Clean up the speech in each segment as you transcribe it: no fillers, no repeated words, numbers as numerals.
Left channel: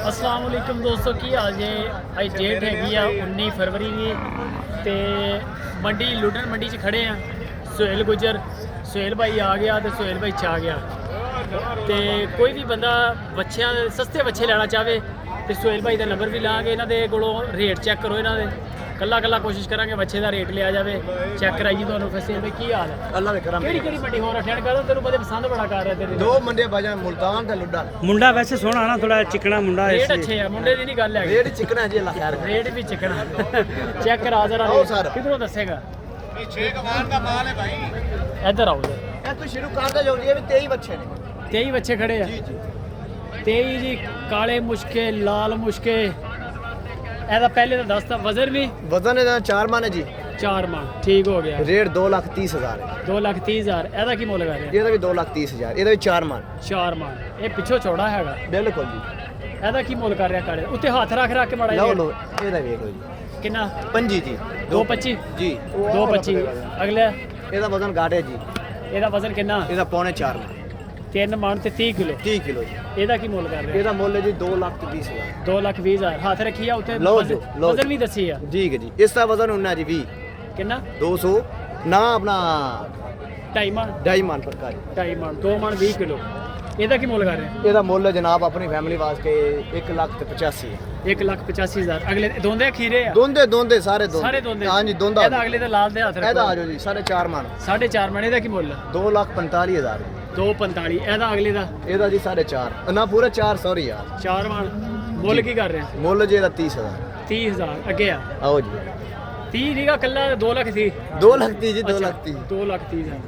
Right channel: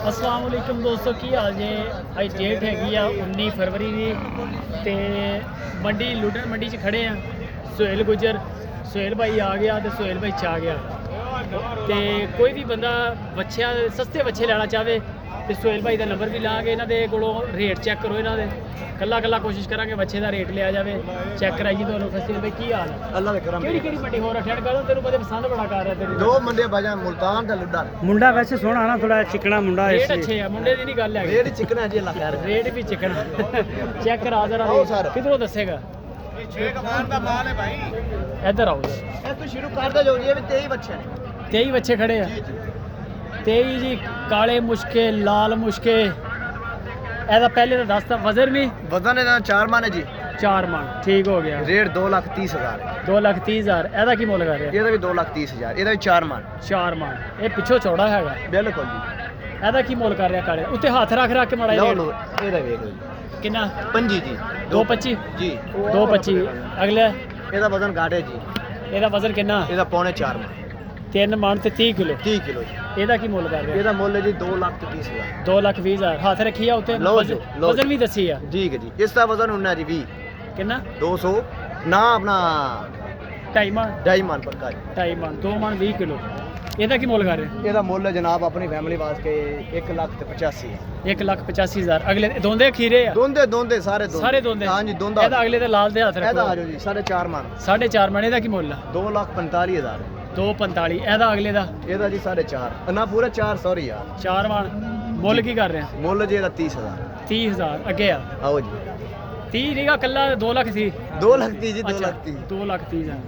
अस्सलाम वालेकुम दोस्तों, की हाल जे? अज डेट हैगी आ 19 फरवरी की ते मंडी लुडन मंडी च खड़े हैं। सुहेल गुजर सुहेल भाई आ गया तो सुहेल भाई च आ गया तो कोई भी बंदा बच्चों सस्ते बच्चे लेना चाहे तो सुहेल भाई का नंबर भी लाँगे। इन्होंने को रेट चेक करो, इन्होंने कला कला कोशिश करांगे बच्चे का रेट लिया जाए, चेक कराइए तो सुहेल भाई की हाल है? अल्लाह दे करम केड़ी मंडी हो रहा है? तेरे बड़े पसंद बड़ा कर रहा है। दो मंडे बाजा मुल्तान ते लुडा मुंडा वैसे सोहना ना, थोड़ा चिकना मुंडा है। रेट अच्छे है, मुंडे की नहीं गल है, रेट चिकना है जी। अल्लाह खैर रेट भी चिकना चेक करा जरा। आओ सर। किधरों दसेगा? इधर आओ जरा। ए तू शुरू कर दे, जो ये भी 23 बच्चे ने। 23 बच्चे खड़े हैं। 23 जी काले मुश्के लाल मुश्के। ऐसा पहले तो दस वजन भी वजन है 4 मन है जी। 4 मन ठीक हो गया। रेट 2,30,000 है। 2,30,000 ऐसा की मुल कर रहे? ਇਹਦਾ ਵੀ 2,30,000, ਇਹਦਾ ਵੀ 4 मन। 4 मन ਇਹ ਪਿੱਛੋਂ ਚੌੜਾ ਹੈਗਾ ਬਿਲਕੁਲ ਜੀ। ਇਹਦਾ ਕੀ ਮੁੱਲ ਕਰ ਰਿਹਾ ਕਾਲੇ ਉੱਤੇ ਹੱਥ ਰੱਖ ਕੇ ਮਾੜਾ ਲਓ ਜਿਹਾ? ਲਓ ਇਹਦਾ ਵੇਖ ਲਓ ਜੀ। ਕਿੰਨਾ? 25 ਜੀ। 2,25 ਜੀ। 2,25 ਅਗਲੇ ਇਹਦਾ ਵਜ਼ਨ ਘੱਟ ਹੈ ਜੀ। ਇਹਦਾ ਵਜ਼ਨ ਕਿੰਨਾ? ਇਹਦਾ ਪੌਣੇ 4 मन। 3 ਮਣ ਤੇ 30 ਕਿਲੋ। 30 ਕਿਲੋ ਜੀ। ਇਹਦਾ ਕੀ ਮੁੱਲ ਕਰ ਰਿਹਾ? ਇਹਦਾ ਮੁੱਲ ਹੈ ਜੀ 2,30,000। 2,20,000 ਹੱਥ ਰੱਖੀ ਆ ਉੱਤੇ। ਲਓ ਜੀ, ਲਓ। ਵਜ਼ਨ ਵੀ ਦੱਸੀ ਆ ਠੀਕ ਹੈ ਜੀ। ਇਸ ਦਾ ਵਜ਼ਨ ਹੁੰਦਾ ਜੀ 20। ਕਿੰਨਾ? 200 ਨਾ ਆਪਣਾ 2.5 ਮਣ। 2.5 मन ਪੱਕਾ ਜੀ। 2.5 ਮਣ 2 ਮਣ 20 ਕਿਲੋ। ਇਹਦਾ ਕੀ ਮੁੱਲ ਕਰ ਰਿਹਾ? ਇਹਦਾ ਮੁੱਲ ਹੈ ਜਨਾਬ ਆਪਣੀ ਫੈਮਿਲੀ ਵਾਸਤੇ 1,85,000। 1,85,000 ਅਗਲੇ ਦੋਂਦੇ ਖੀਰੇ ਆ? ਦੋਂਦੇ ਸਾਰੇ ਸਾਰੇ ਦੋਂਦੇ। ਹਾਂਜੀ ਦੋਂਦਾ। ਇਹਦਾ ਅਗਲੇ ਦੇ ਲਾਲ ਦੇ ਹੱਥ ਇਹਦਾ ਰੱਖੋ। ਆ ਜਾਓ ਜੀ 4.5 मन। 4.5 ਮਣ। ਇਹਦਾ ਕੀ ਮੁੱਲ ਆ? 2,45,000। 2,45। ਇਹਦਾ ਅਗਲੇ ਦਾ ਇਹਦਾ ਜੀ 4.5 ਨਾ ਪੂਰਾ 4 ਸੌਰੀ ਯਾਰ। 4 ਮਣ। ਮੁੱਲ ਕੀ ਕਰ ਰਿਹਾ? ਮੁੱਲ ਜੀ ਇਹਦਾ 30,000। 30,000 ਅੱਗੇ ਆ। ਆਓ ਜੀ 30 ਨਹੀਂਗਾ ਕੱਲਾ 2 ਲੱਖ ਸੀ। 2,30,000 ਜੀ 2,30,000। 2,30,000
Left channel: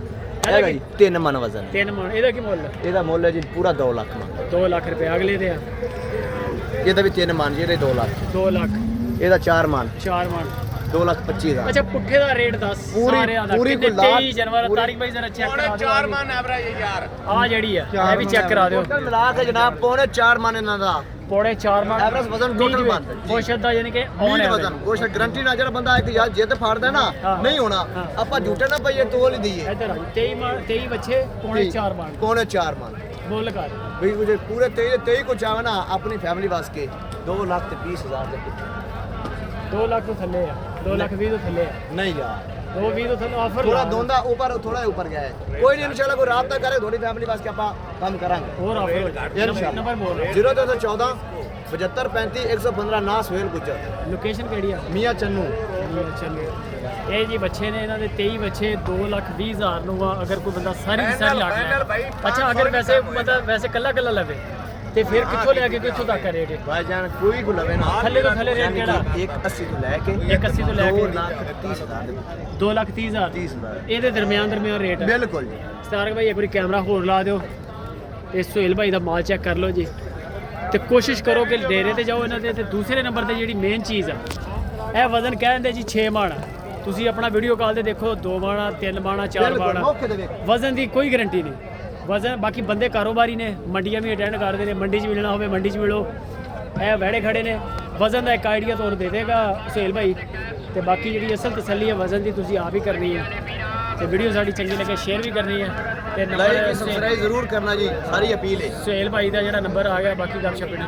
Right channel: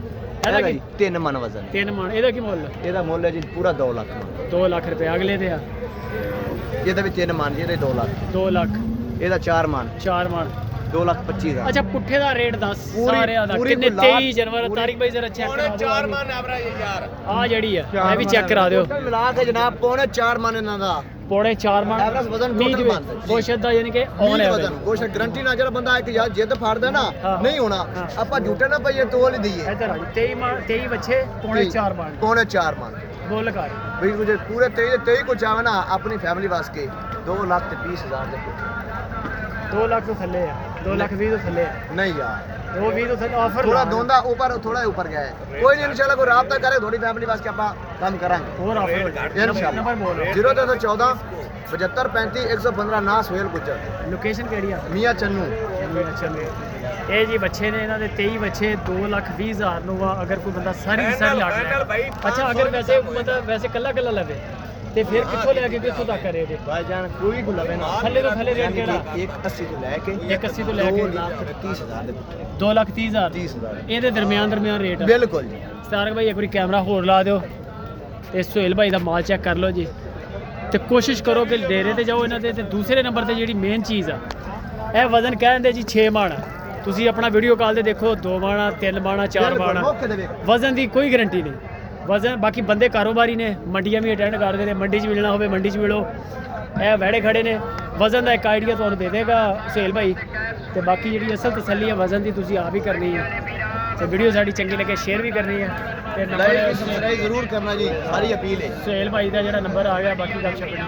ਇਹਦਾ ਜੀ 3 मन ਵਜ਼ਨ। 3 ਮਣ। ਇਹਦਾ ਕੀ ਮੁੱਲ? ਇਹਦਾ ਮੁੱਲ ਹੈ ਜੀ ਪੂਰਾ 2 ਲੱਖ। 2 ਲੱਖ ਰੁਪਏ ਅਗਲੇ ਦੇ ਆ। ਇਹਦਾ ਵੀ 3 मन ਜੀ। ਇਹਦੇ 2 ਲੱਖ। 2 ਲੱਖ। ਇਹਦਾ 4 मन। 4 ਮਣ। 2,25,000। ਅੱਛਾ ਪੁੱਠੇ ਦਾ ਰੇਟ ਦੱਸ ਸਾਰਿਆਂ ਦਾ। ਪੂਰੀ ਕਿੰਨੇ? ਗੁਲਾਬ 23 ਜਨਵਰੀ ਤਾਰੀਖ ਬਾਈ ਜ਼ਰਾ ਚੈੱਕ ਕਰਾ ਦਿਓ। 4 ਮਣ ਐਵਰੇਜ ਯਾਰ ਆ ਜਿਹੜੀ ਆ ਇਹ ਵੀ ਚੈੱਕ ਕਰਾ ਦਿਓ। ਟੋਟਲ ਮਿਲਾ ਕੇ ਜਨਾਬ ਪੌਣੇ 4 मन ਇਹਨਾਂ ਦਾ। ਪੌੜੇ 4 ਮਣ ਐਵਰੇਜ ਵਜ਼ਨ ਟੋਟਲ ਬਣਦਾ ਜੀ। ਗੋਸ਼ਤ ਦਾ ਯਾਨੀ ਕਿ ਮੀਟ ਵਜ਼ਨ ਗੋਸ਼ਤ ਗਰੰਟੀ ਨਾਲ ਜਿਹੜਾ ਬੰਦਾ ਇੱਕ ਯਾਰ ਜਿੱਦ ਫਾੜਦਾ ਨਾ ਨਹੀਂ ਹੋਣਾ। ਆਪਾਂ ਝੂਠੇ ਨਾ ਪਈਏ ਤੋਲ ਹੀ ਦਈਏ। ਇੱਧਰ ਆ ਜੀ 23 ਮਣ 23 ਬੱਚੇ ਪੌਣੇ 4 ਮਣ। ਪੌਣੇ 4 मन। ਬੋਲ ਕਰ ਵੀ ਮੁਝੇ ਪੂਰੇ 23 ਕੁ ਚਾਹਵੇ ਨਾ ਆਪਣੀ ਫੈਮਿਲੀ ਵਾਸਤੇ 2,20,000 ਦੇ ਕੁਝ 2 ਲੱਖ ਤੋਂ ਥੱਲੇ ਆ। 2,20,000 ਤੋਂ ਥੱਲੇ ਆ। नहीं यार 2,20,000 ਤੋਂ ਥੱਲੇ ਆਫਰ थोड़ा धोंदा ऊपर थोड़ा ऊपर गया है। कोई नहीं इंशाल्लाह कोई राब्ता करे थोड़ी फैमिली वास्ते ਆਪਾਂ ਕੰਮ ਕਰਾਂਗੇ। ਹੋਰ ਆਫਰ ਹੋ ਜਾਏ। ਨੰਬਰ ਬੋਲ 0314 75 35 115 ਨਾ ਸੁਹੇਲ ਗੁੱਜਰ। ਲੋਕੇਸ਼ਨ ਕਿਹੜੀ ਆ? ਮੀਆਂ ਚੰਨੂ। ਚਲੋ ਇਹ ਜੀ ਬੱਚੇ ਨੇ ਇਹਨਾਂ ਦੇ 23 ਬੱਚੇ 2,20,000 ਨੂੰ ਆ। ਅਗਰ ਕੋਈ ਬੰਦਾ ਸਾਰੀ ਦੀ ਸਾਰੀ ਲਾਟ ਲੈ। ਅੱਛਾ ਅਗਰ ਵੈਸੇ ਬੰਦਾ ਵੈਸੇ ਕੱਲਾ ਕੱਲਾ ਲਵੇ ਤੇ ਫਿਰ ਕਿੱਥੋਂ ਲੈ ਕੇ ਕਿੱਥੋਂ ਤੱਕ ਰੇਟ? ਭਾਈਜਾਨ ਕੋਈ ਕੋ ਲਵੇ ਨਾ ਥੱਲੇ ਤੋਂ ਥੱਲੇ ਰੇਟ ਕਿਹੜਾ? 180 ਤੋਂ ਲੈ ਕੇ 180 ਤੋਂ ਲੈ ਕੇ 2,30,000 2,30,000 30,000 ਇਹਦੇ ਦਰਮਿਆਨ ਰੇਟ। ਬਿਲਕੁਲ ਜੀ। ਸਤਾਰਕ ਭਾਈ ਇੱਕ ਵਾਰੀ ਕੈਮਰਾ ਹੋਰ ਲਾ ਦਿਓ। ਇਹ ਸੁਹੇਲ ਭਾਈ ਦਾ ਮਾਲ ਚੈੱਕ ਕਰ ਲਓ ਜੀ ਤੇ ਕੋਸ਼ਿਸ਼ ਕਰੋ ਕਿ ਡੇਰੇ ਤੇ ਜਾਓ ਇਹਨਾਂ ਦੇ। ਤੇ ਦੂਸਰੇ ਨੰਬਰ ਤੇ ਜਿਹੜੀ ਮੇਨ ਚੀਜ਼ ਆ ਇਹ ਵਜ਼ਨ ਕਹਿੰਦੇ ਜੀ 6 ਮਣ। ਤੁਸੀਂ ਆਪਣਾ ਵੀਡੀਓ ਕਾਲ ਤੇ ਦੇਖੋ 2 ਮਣ 3 ਮਣ 4 ਮਣ ਵਜ਼ਨ ਦੀ ਕੋਈ ਗਾਰੰਟੀ ਨਹੀਂ। ਵਜ਼ਨ ਬਾਕੀ ਬੰਦੇ ਕਾਰੋਬਾਰੀ ਨੇ, ਮੰਡੀਆਂ ਵੀ ਅਟੈਂਡ ਕਰਦੇ ਨੇ। ਮੰਡੀ 'ਚ ਮਿਲਣਾ ਹੋਵੇ ਮੰਡੀ 'ਚ ਮਿਲੋ। ਇਹ ਵਹਿੜੇ ਖੜੇ ਨੇ। ਵਜ਼ਨ ਦਾ ਇੱਕ ਆਈਡੀਆ ਤੁਹਾਨੂੰ ਦੇ ਦੇਗਾ ਸੁਹੇਲ ਭਾਈ। ਤੇ ਬਾਕੀ ਜਿਹੜੀ ਅਸਲ ਤਸੱਲੀ ਹੈ ਵਜ਼ਨ ਦੀ ਤੁਸੀਂ ਆਪ ਹੀ ਕਰਨੀ ਹੈ। ਤੇ ਵੀਡੀਓ ਸਾਡੀ ਚੰਗੀ ਲੱਗੇ ਸ਼ੇਅਰ ਵੀ ਕਰਨੀ ਹੈ ਤੇ ਲਾਈਕ ਸਬਸਕ੍ਰਾਈਬ ਜ਼ਰੂਰ ਕਰਨਾ ਜੀ। ਸਾਰੀ ਅਪੀਲ ਹੈ। ਸੁਹੇਲ ਭਾਈ ਦਾ ਜਿਹੜਾ ਨੰਬਰ ਆ ਗਿਆ ਬਾਕੀ ਗੱਲ ਸ਼ੱਕ ਨਹੀਂ।